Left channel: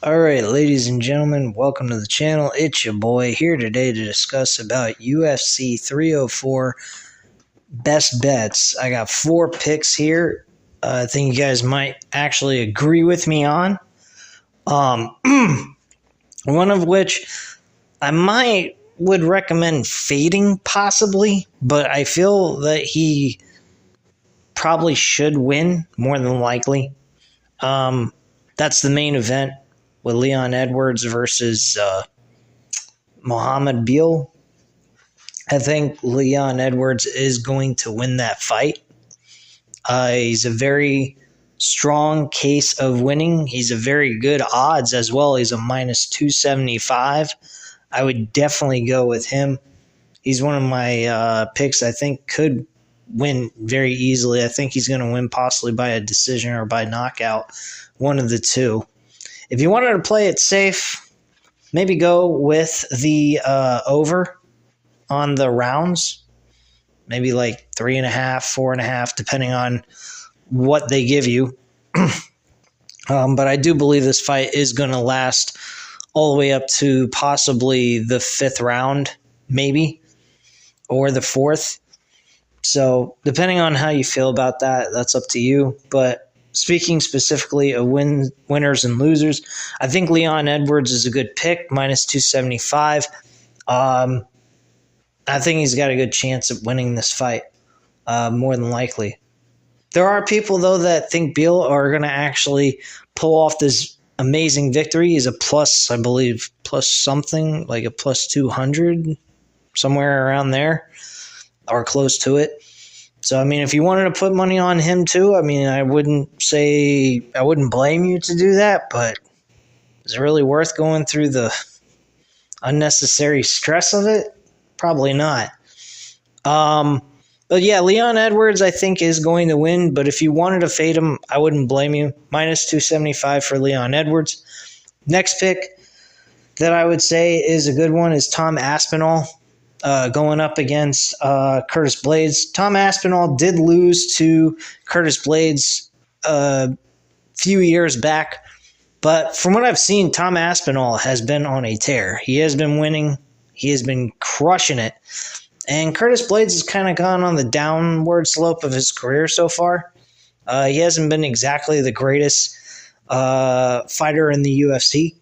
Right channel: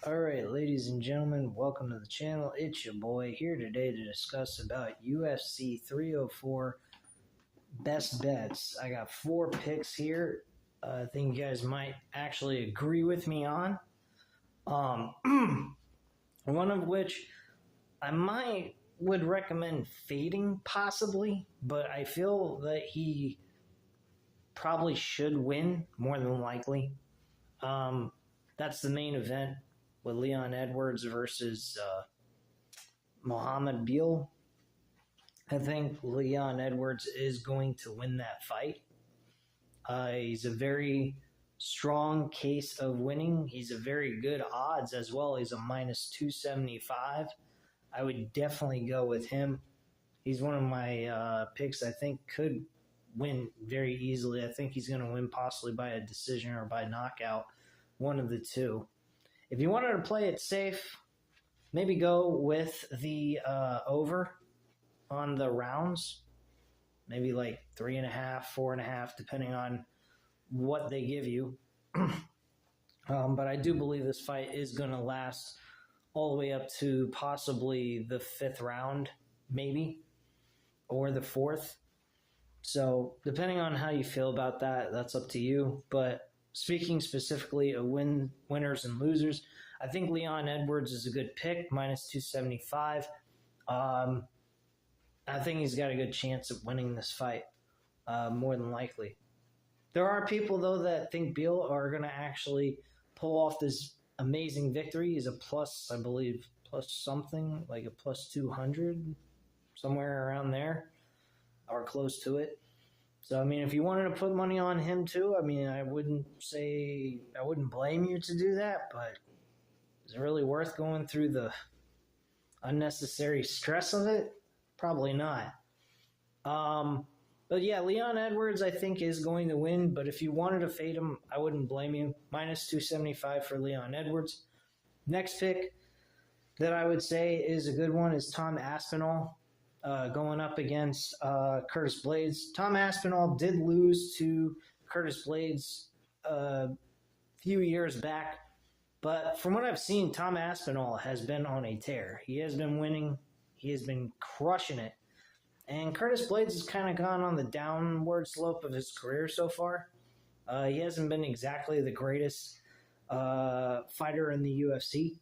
Alright, ladies and gentlemen, welcome to the channel. It's your boy here today to discuss about UFC 304 best bets. I got 4 picks here. I think you guys might actually agree with me on. One of which I would recommend fading possibly, but I feel that he probably should win more than likely. That's the main event with Leon Edwards versus Muhammad Beal. I think Leon Edwards is going to win that fight. He's a very strong case of winning. He's a very good odds as well. He's a minus 275. I would definitely go with him. He's one of my picks I think could win very easily. I think he's going to win possibly by a decision or by knockout, one of the two. If you wanted to play it safe, maybe go with the over on the rounds, maybe like 3.5, 4.5, depending on what they give you. But I do believe this fight is going to last all the way up to possibly the 5th round, maybe, or the 4th. So depending on how you feel about that, that's up to you. But speaking specifically of winners and losers, I think Leon Edwards is a good pick, minus 275. I think he's got a good chance of winning this fight, more than likely. There are people, though, that think Beal are going to actually pull off this amazing victory. He's a plus, I believe, plus something, like a plus 200, somewhere around there, or close to it. So, I mean, if you wanted to put money on him too, I mean, I wouldn't blame you to do that, but is it really worth going through the unnecessary stress of it? Probably not. But yeah, Leon Edwards, I think, is going to win, but if you wanted to fade him, I wouldn't blame you. Minus 275 for Leon Edwards. Next pick that I would say is a good one is Tom Aspinall. Going up against Curtis Blaydes. Tom Aspinall did lose to Curtis Blaydes a few years back, but from what I've seen, Tom Aspinall has been on a tear. He has been winning. He has been crushing it. And Curtis Blaydes has kind of gone on the downward slope of his career so far. He hasn't been exactly the greatest fighter in the UFC.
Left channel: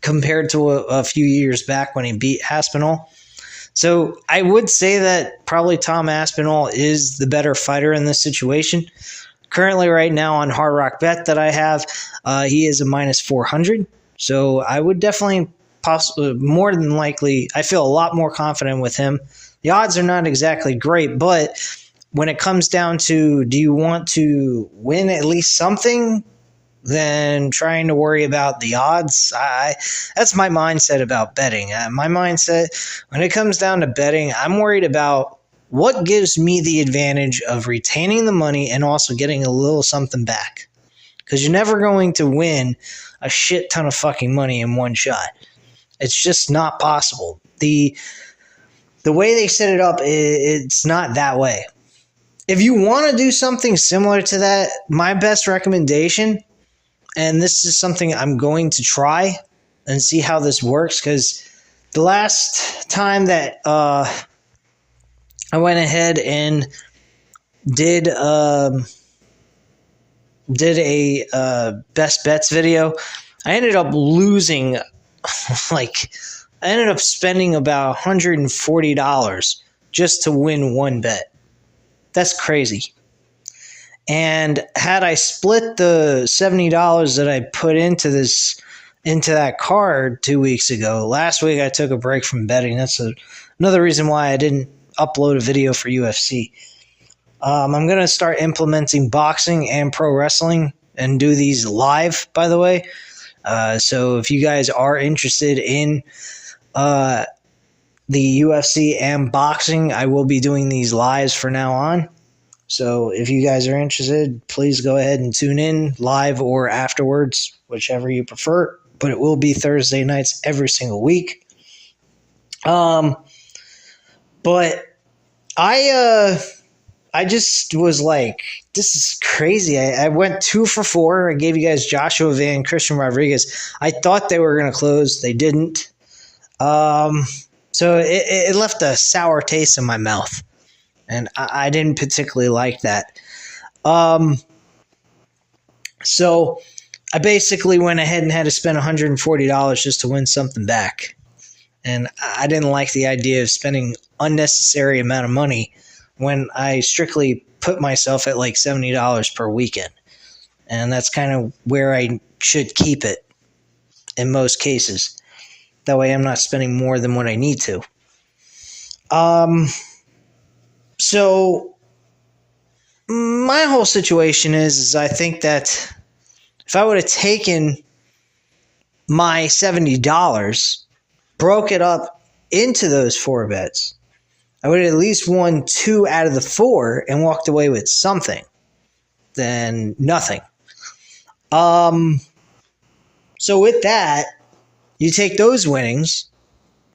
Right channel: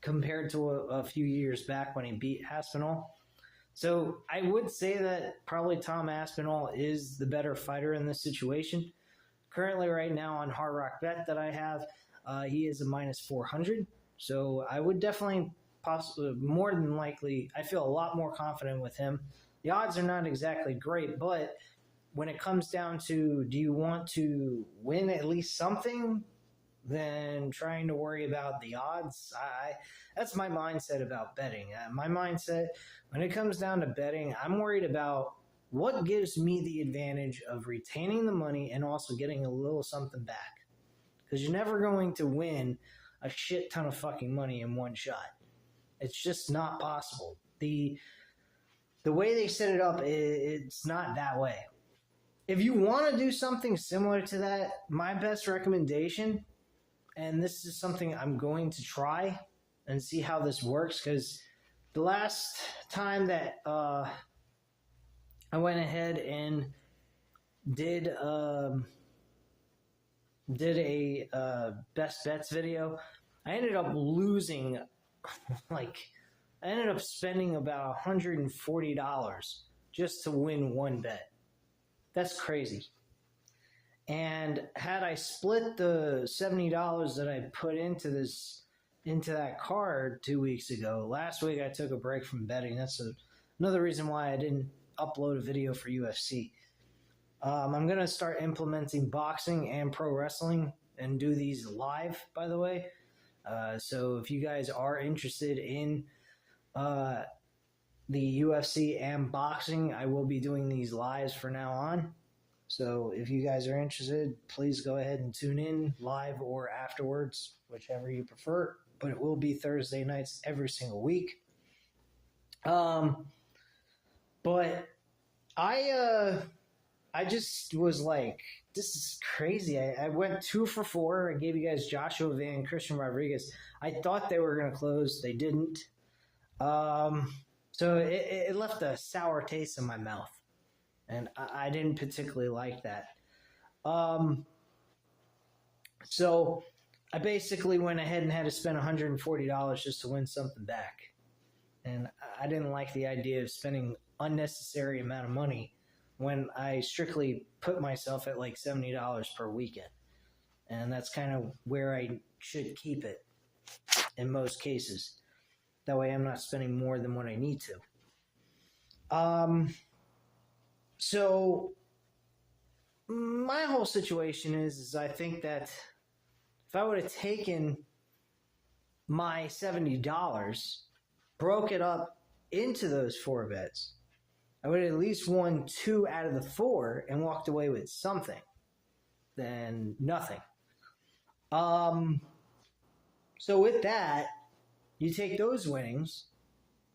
Compared to a few years back when he beat Aspinall. So I would say that probably Tom Aspinall is the better fighter in this situation. Currently right now on Hard Rock Bet that I have, he is a minus 400. So I would definitely, more than likely, I feel a lot more confident with him. The odds are not exactly great, but when it comes down to do you want to win at least something, than trying to worry about the odds. That's my mindset about betting. My mindset, when it comes down to betting, I'm worried about what gives me the advantage of retaining the money and also getting a little something back. Because you're never going to win a shit ton of fucking money in one shot. It's just not possible. The way they set it up, it's not that way. If you want to do something similar to that, my best recommendation, and this is something I'm going to try and see how this works, because the last time that I went ahead and did a best bets video, I ended up losing, I ended up spending about $140 just to win one bet. That's crazy. And had I split the $70 that I put into that card 2 weeks ago, last week I took a break from betting. That's another reason why I didn't upload a video for UFC. I'm going to start implementing boxing and pro wrestling and do these live, by the way. So if you guys are interested in the UFC and boxing, I will be doing these lives from now on. So if you guys are interested, please go ahead and tune in live or afterwards, whichever you prefer. But it will be Thursday nights every single week. But I just was like, this is crazy. I went 2 for 4. I gave you guys Joshua Van, Christian Rodriguez. I thought they were going to close. They didn't. So it left a sour taste in my mouth, and I didn't particularly like that. So I basically went ahead and had to spend $140 just to win something back. And I didn't like the idea of spending unnecessary amount of money when I strictly put myself at like $70 per weekend. And that's kind of where I should keep it in most cases. That way I'm not spending more than what I need to. So my whole situation is I think that if I would have taken my $70, broke it up into those 4 bets, I would have at least won 2 out of the 4 and walked away with something than nothing. So with that, you take those winnings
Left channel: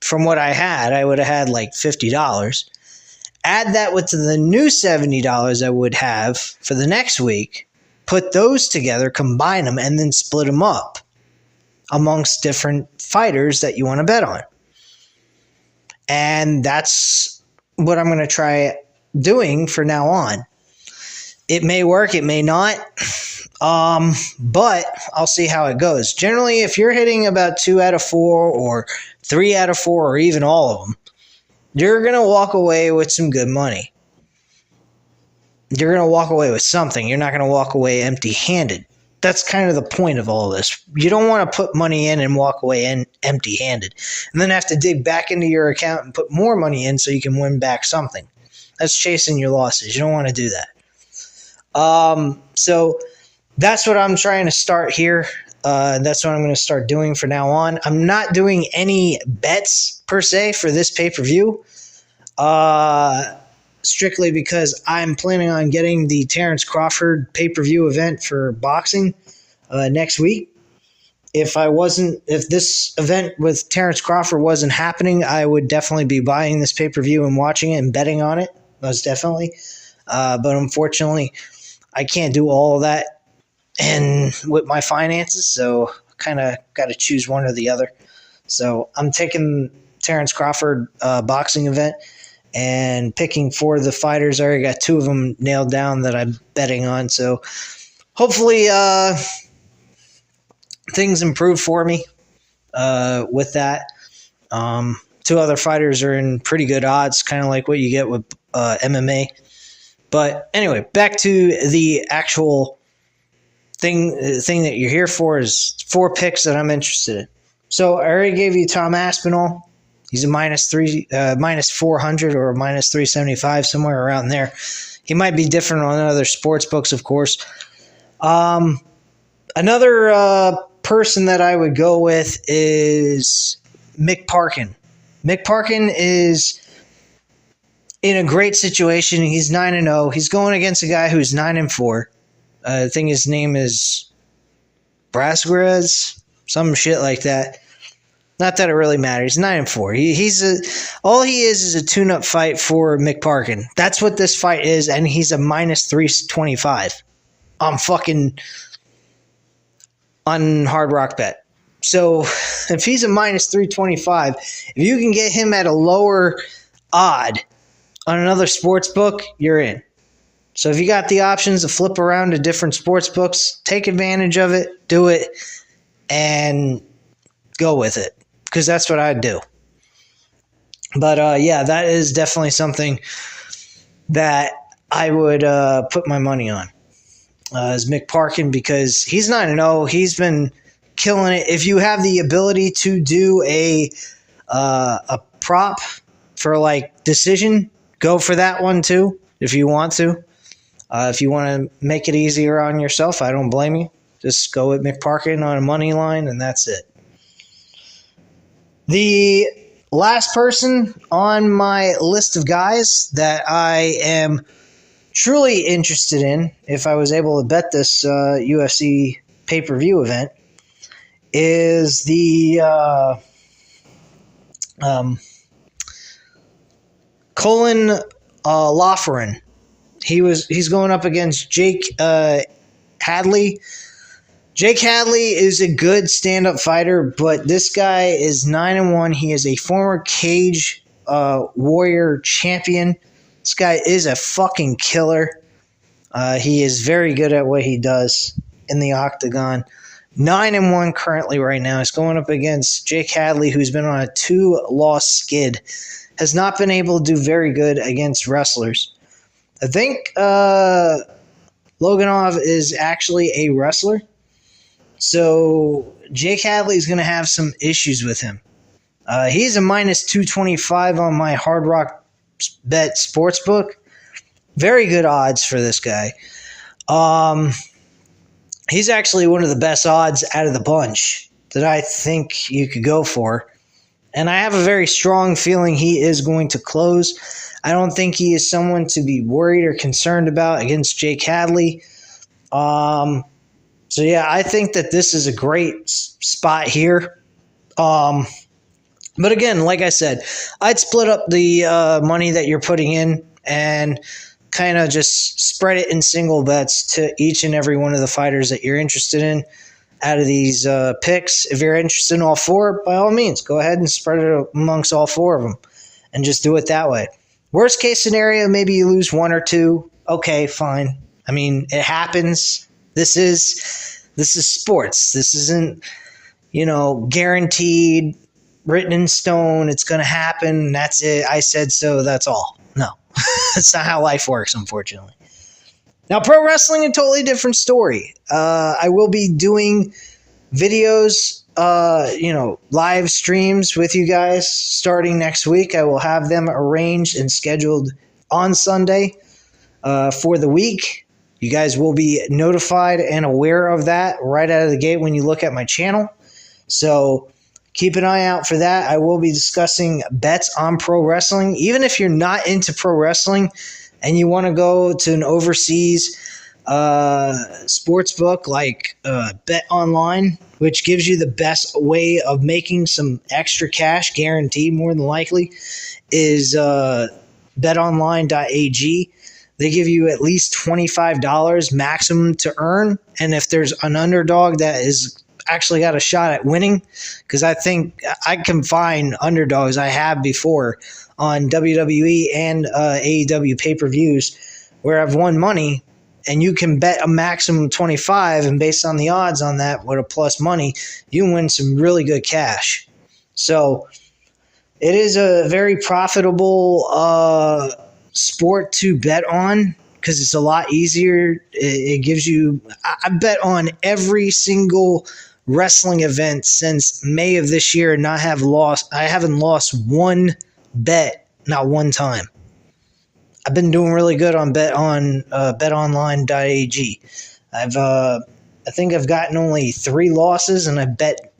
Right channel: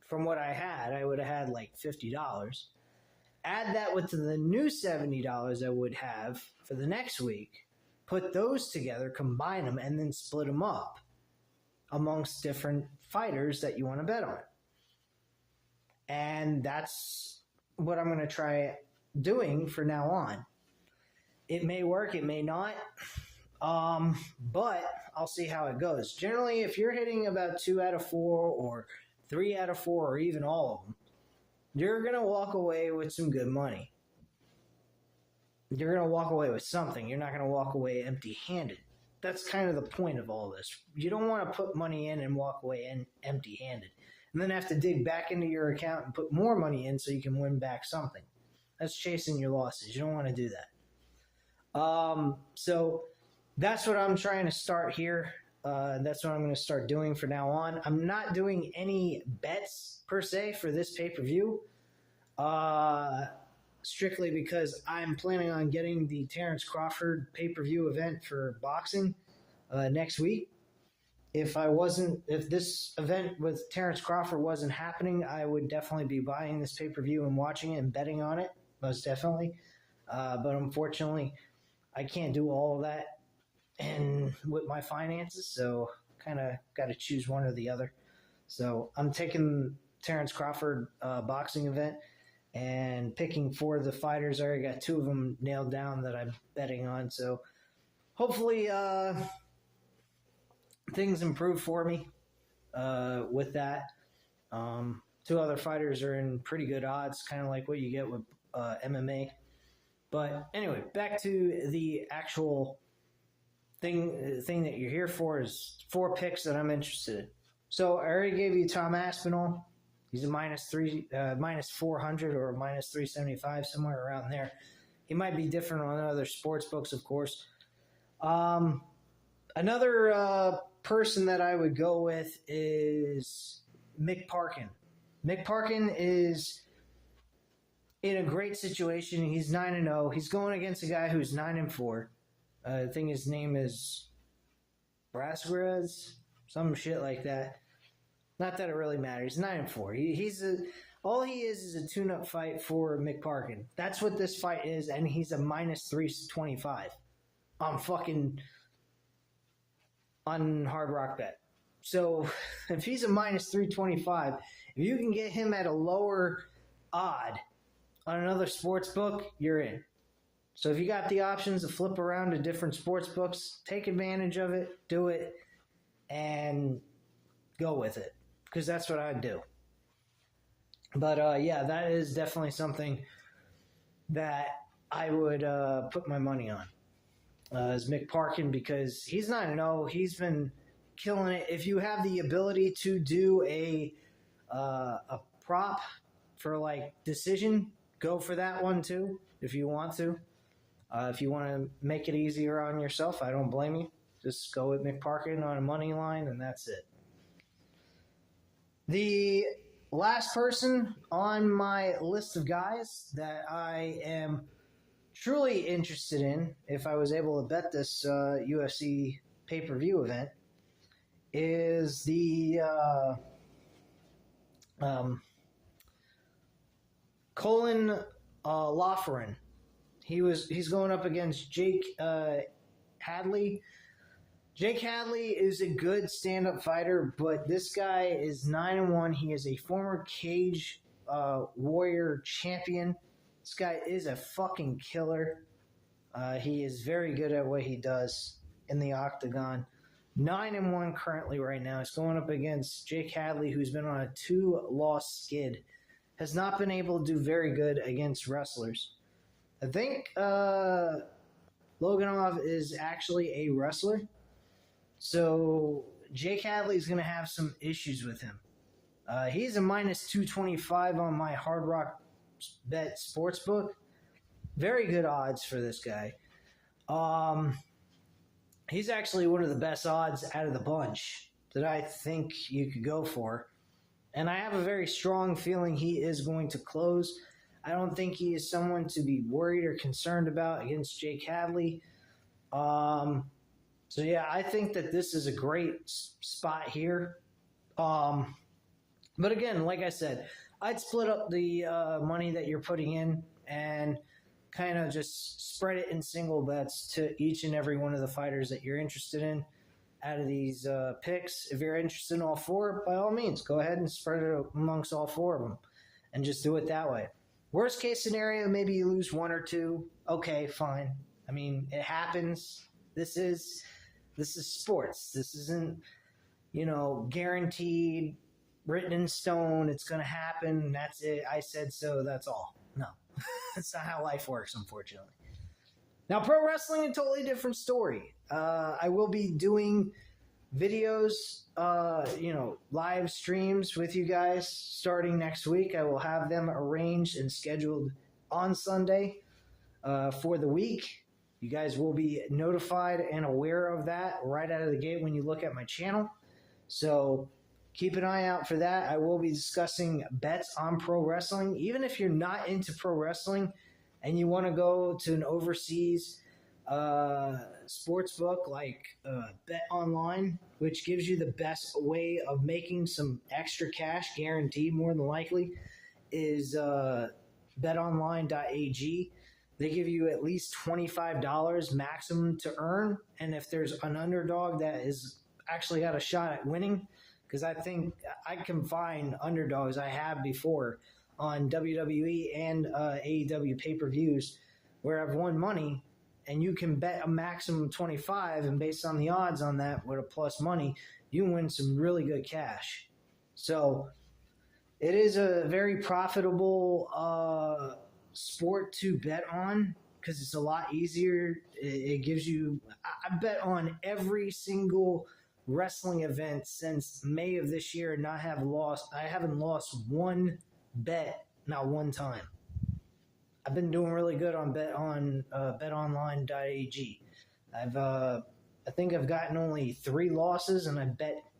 from what I had, I would have had like $50. Add that with the new $70 I would have for the next week, put those together, combine them, and then split them up amongst different fighters that you want to bet on. And that's what I'm going to try doing for now on. It may work, it may not, but I'll see how it goes. Generally, if you're hitting about 2 out of 4 or 3 out of 4 or even all of them, you're going to walk away with some good money. You're going to walk away with something. You're not going to walk away empty-handed. That's kind of the point of all this. You don't want to put money in and walk away empty-handed and then have to dig back into your account and put more money in so you can win back something. That's chasing your losses. You don't want to do that. So that's what I'm trying to start here. That's what I'm going to start doing from now on. I'm not doing any bets per se for this pay-per-view, strictly because I'm planning on getting the Terrence Crawford pay-per-view event for boxing next week. If this event with Terrence Crawford wasn't happening, I would definitely be buying this pay-per-view and watching it and betting on it, most definitely. But unfortunately, I can't do all of that and with my finances, so kind of got to choose one or the other. So I'm taking Terrence Crawford boxing event and picking 4 of the fighters. I already got 2 of them nailed down that I'm betting on. So hopefully things improve for me with that. 2 other fighters are in pretty good odds, kind of like what you get with MMA. But anyway, back to the actual thing that you're here for is 4 picks that I'm interested in. So I already gave you Tom Aspinall. He's a minus 400 or minus 375, somewhere around there. He might be different on other sports books, of course. Another person that I would go with is Mick Parkin. Mick Parkin is in a great situation. He's 9-0. He's going against a guy who's 9-4. I think his name is Brasquez, some shit like that. Not that it really matters. He's 9-4. All he is a tune-up fight for Mick Parkin. That's what this fight is, and he's a minus 325. I'm fucking on Hard Rock Bet. So if he's a minus 325, if you can get him at a lower odd on another sports book, you're in. So if you got the options to flip around to different sports books, take advantage of it, do it, and go with it, because that's what I'd do. But yeah, that is definitely something that I would put my money on, is Mick Parkin, because he's 9-0. He's been killing it. If you have the ability to do a prop for like decision, go for that one too if you want to. If you want to make it easier on yourself, I don't blame you. Just go with Mick Parkin on a money line, and that's it. The last person on my list of guys that I am truly interested in, if I was able to bet this UFC pay-per-view event, is the Colin Laughrin. He's going up against Jake Hadley. Jake Hadley is a good stand-up fighter, but this guy is 9-1. He is a former Cage Warrior champion. This guy is a fucking killer. He is very good at what he does in the octagon. 9-1 currently right now. He's going up against Jake Hadley, who's been on a 2-loss skid. Has not been able to do very good against wrestlers. I think Loganov is actually a wrestler. So Jake Hadley is going to have some issues with him. He's a minus 225 on my Hard Rock Bet Sportsbook. Very good odds for this guy. He's actually one of the best odds out of the bunch that I think you could go for. And I have a very strong feeling he is going to close. I don't think he is someone to be worried or concerned about against Jake Hadley. So, yeah, I think that this is a great spot here. But again, like I said, I'd split up the money that you're putting in and kind of just spread it in single bets to each and every one of the fighters that you're interested in out of these picks. If you're interested in all four, by all means, go ahead and spread it amongst all four of them and just do it that way. Worst case scenario, maybe you lose one or two. Okay, fine. I mean, it happens. This is sports. This isn't, guaranteed, written in stone. It's going to happen. That's it. I said so. That's all. No, that's not how life works, unfortunately. Now, pro wrestling, a totally different story. I will be doing videos, live streams with you guys starting next week. I will have them arranged and scheduled on Sunday for the week. You guys will be notified and aware of that right out of the gate when you look at my channel. So keep an eye out for that. I will be discussing bets on pro wrestling. Even if you're not into pro wrestling and you want to go to an overseas sports book like Bet Online, which gives you the best way of making some extra cash, guaranteed more than likely, is betonline.ag. They give you at least $25 maximum to earn. And if there's an underdog that is actually got a shot at winning, because I think I can find underdogs I have before on WWE and AEW pay-per-views where I've won money, and you can bet a maximum 25, and based on the odds on that with a plus money, you can win some really good cash. So it is a very profitable sport to bet on because it's a lot easier. It gives you – I bet on every single wrestling event since May of this year and I haven't lost one bet, not one time. I've been doing really good on betonline.ag. I think I've gotten only 3 losses and I bet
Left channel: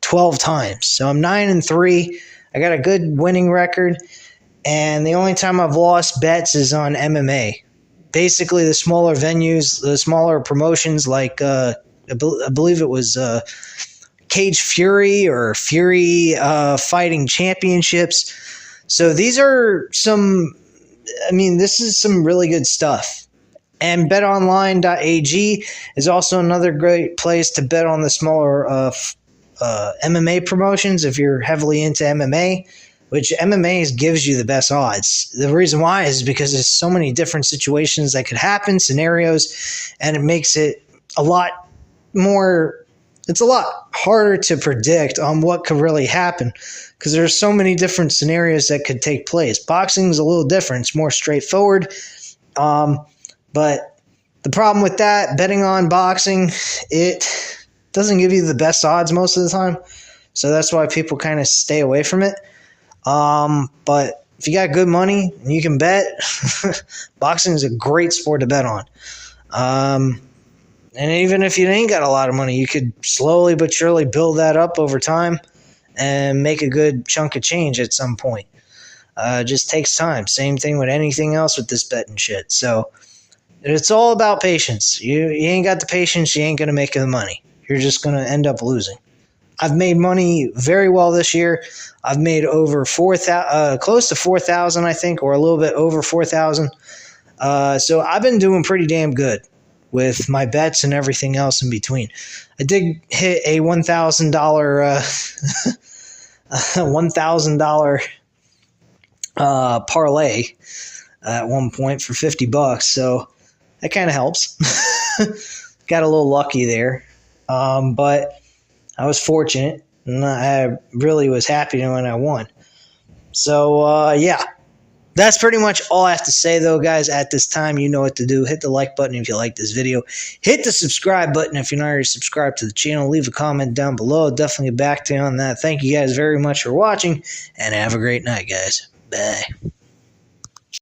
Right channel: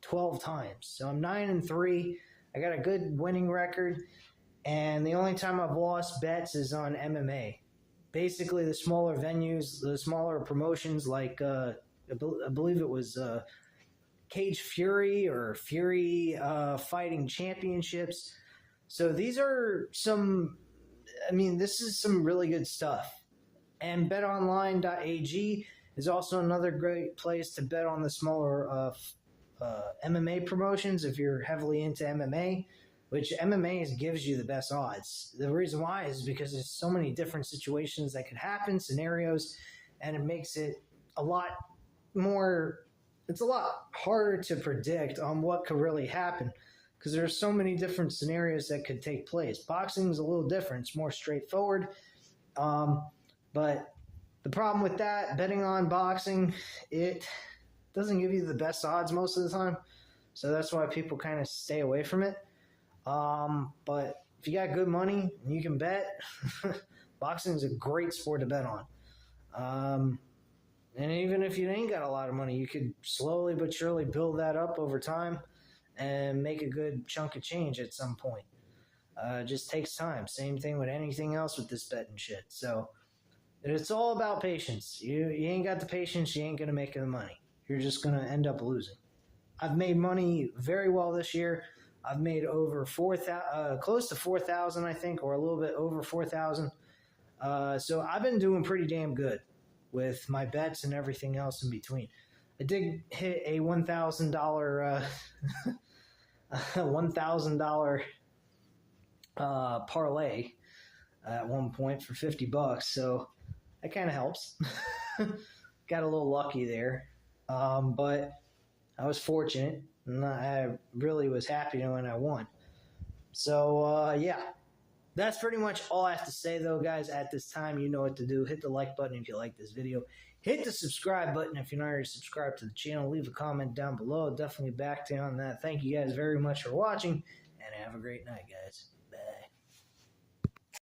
12 times. So I'm 9-3. I got a good winning record. And the only time I've lost bets is on MMA. Basically, the smaller venues, the smaller promotions like I believe it was Cage Fury or Fury Fighting Championships. So these are this is some really good stuff. And betonline.ag is also another great place to bet on the smaller MMA promotions if you're heavily into MMA, which MMA gives you the best odds. The reason why is because there's so many different situations that could happen, scenarios, and it makes it a lot harder to predict on what could really happen because there's so many different scenarios that could take place. Boxing is a little different. It's more straightforward. But the problem with that, betting on boxing, it doesn't give you the best odds most of the time. So that's why people kind of stay away from it. But if you got good money and you can bet, boxing is a great sport to bet on. And even if you ain't got a lot of money, you could slowly but surely build that up over time and make a good chunk of change at some point. It just takes time. Same thing with anything else with this betting shit. So it's all about patience. You ain't got the patience, you ain't going to make the money. You're just going to end up losing. I've made money very well this year. I've made over close to 4,000, I think, or a little bit over 4,000 So I've been doing pretty damn good with my bets and everything else in between. I did hit a $1,000 $1,000 parlay at one point for $50, so that kind of helps. Got a little lucky there, but I was fortunate, and I really was happy when I won. So yeah, that's pretty much all I have to say, though, guys. At this time, you know what to do. Hit the like button if you like this video. Hit the subscribe button if you're not already subscribed to the channel. Leave a comment down below. I'll definitely get back to you on that. Thank you guys very much for watching, and have a great night, guys. Bye.